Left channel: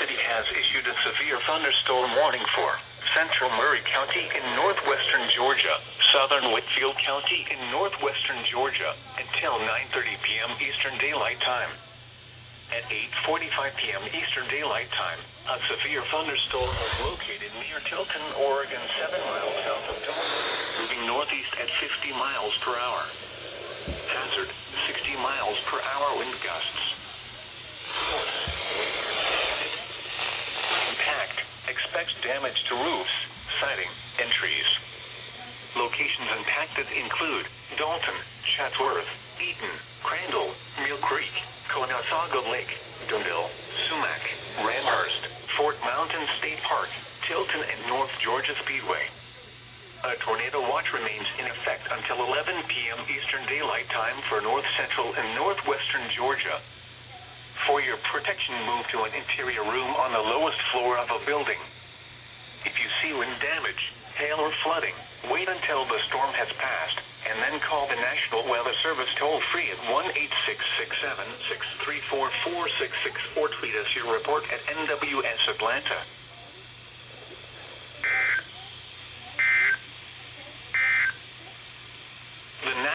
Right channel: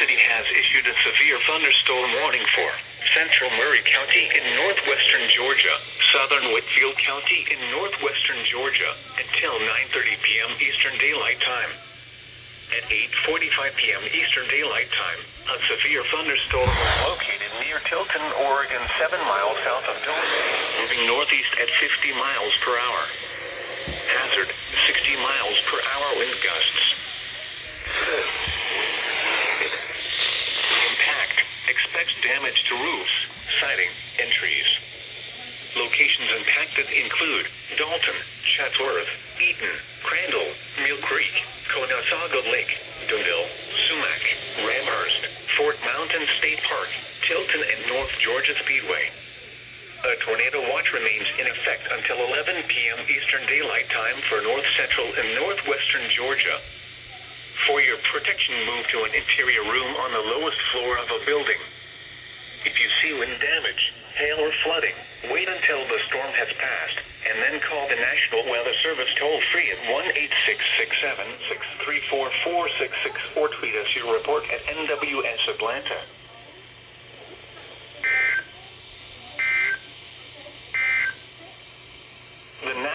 City has issued a severe thunderstorm warning for central Murray County in northwestern Georgia, southern Whitfield County in northwestern Georgia, until 9:30 p.m. Eastern Daylight Time. At 8:45 p.m. Eastern Daylight Time, a severe thunderstorm was located near Tilton, Oregon, 7 miles south of Duluth, moving northeast at 50 miles per hour. Hazard, 60 miles per hour wind gusts. Impact, expects damage to roofs, siding, and trees. Locations impacted include Dalton, Chatsworth, Eaton, Crandall, Mill Creek, Conasauga Lake, Dundell, Sumac, Ramhurst, Fort Mountain State Park, Tilton, and North Georgia Speedway. A tornado watch remains in effect until 11 p.m. Eastern Daylight Time for north central and northwestern Georgia. For your protection, move to an interior room on the lowest floor of a building. If you see wind damage, hail, or flooding, wait until the storm has passed, and then call the National Weather Service toll-free at 1-866-7-634-4664 or tweet us your report at NWS Atlanta.